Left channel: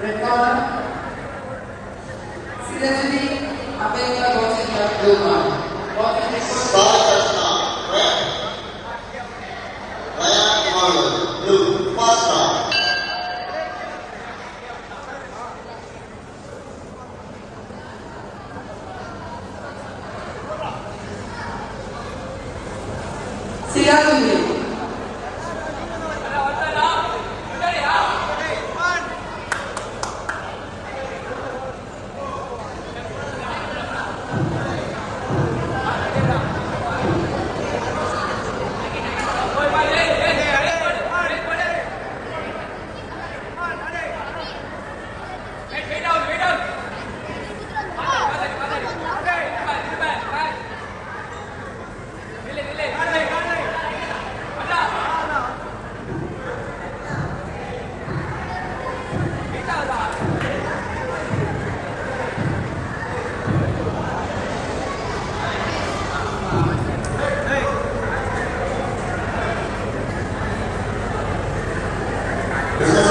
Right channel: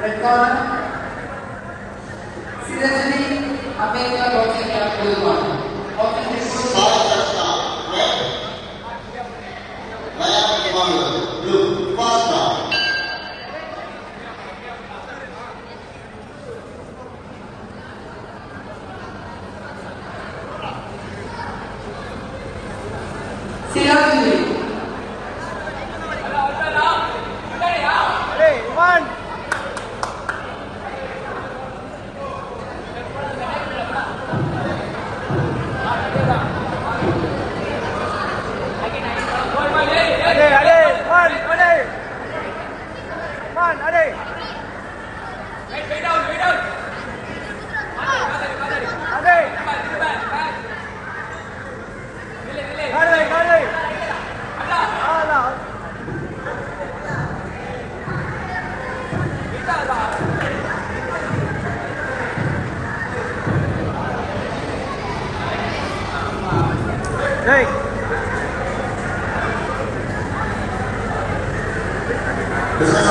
Red corner, Sirajani Ameka watching at blue one. Watching his Start the start. Red. Left corner. Blue. First start. Sirajani. This is